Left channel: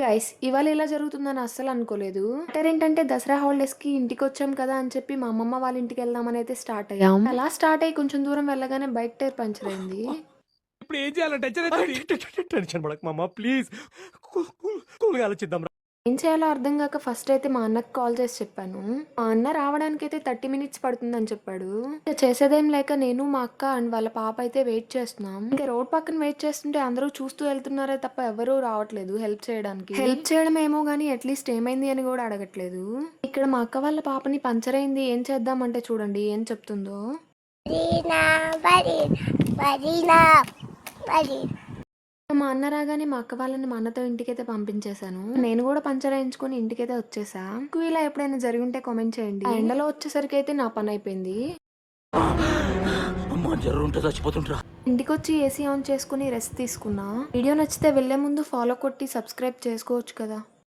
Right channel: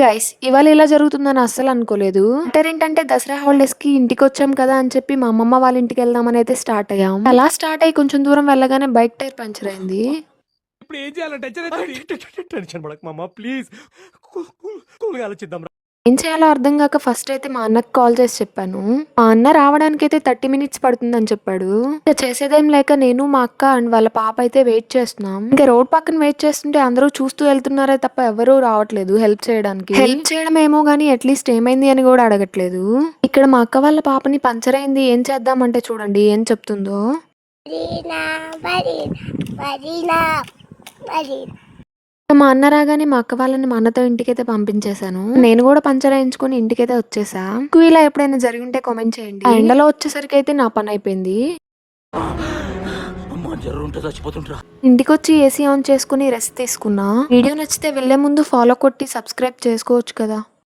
Guys ఇవాళ ఇలా జరుగుతుందని అస్సలు అనుకోలేదు. ఏంటంటే దసరా హాలిడేస్ కి ఇంటికి వచ్చాం కదా అని చెప్పి మా అమ్మమ్మ వాళ్ళ ఇంటికి వెళ్దామని అయితే స్టార్ట్ అయ్యాం. అలా స్టార్ట్ అయ్యి కొంచెం దూరం వెళ్ళగానే బైక్ టైర్ పంచర్ అయింది. ఇప్పుడు ఏం చేయాలి? టెన్షన్ పడకు మామ, ప్లీజ్ కూల్గా ఆలోచిద్దాం. ఏం చేయాలో అర్థం కాక ఫస్ట్ అయితే మా అన్నకి కాల్ చేసి చెప్పాను. మా అన్న రావడానికి అయితే 30 మినిట్స్ పడుతుందని చెప్పాడు. ఇక చేసేదేం లేక నేను మా అక్క అండ్ వాళ్ళ పాప అయితే వెయిట్ చేస్తున్నాం. ఇంకా రోడ్ పక్కన వెయిట్ చేస్తుంటే అందరూ చూస్తూ వెళ్తున్నారే తప్ప ఎవరూ రావట్లేదు హెల్ప్ చేయడానికి. హెల్ప్ చేయడం ఏమో గానీ అట్లీస్ట్ ఏమైంది అని కూడా అడగట్లేదు. ఇక్కడ మా అక్క వాళ్ళ పాపని పంచర్ అయింది ఏం చేద్దామంటే చూడండి ఏం చెప్తుందో. మా అన్న రాగానే మా అక్క వాళ్ళని మా అన్నతో ఇంటికైతే పంపించేశాను. నేను కూడా పంచర్ వేయించుకుని ఇంటికైతే వచ్చేసా. మీకు ఇలా ఎప్పుడైనా జరిగి ఉంటే కామెంట్ చేయండి. ఆ ఎండలో వచ్చేసరికి అయితే నా పని అయిపోయింది. ఇంటికి వచ్చి ఏసీ ఆన్ చేసుకుని రెస్ట్ తీసుకున్నా. వీడియో నచ్చితే వెళ్లే ముందు ఫాలో కొట్టి సబ్స్క్రైబ్ చేసుకోవచ్చు కదా.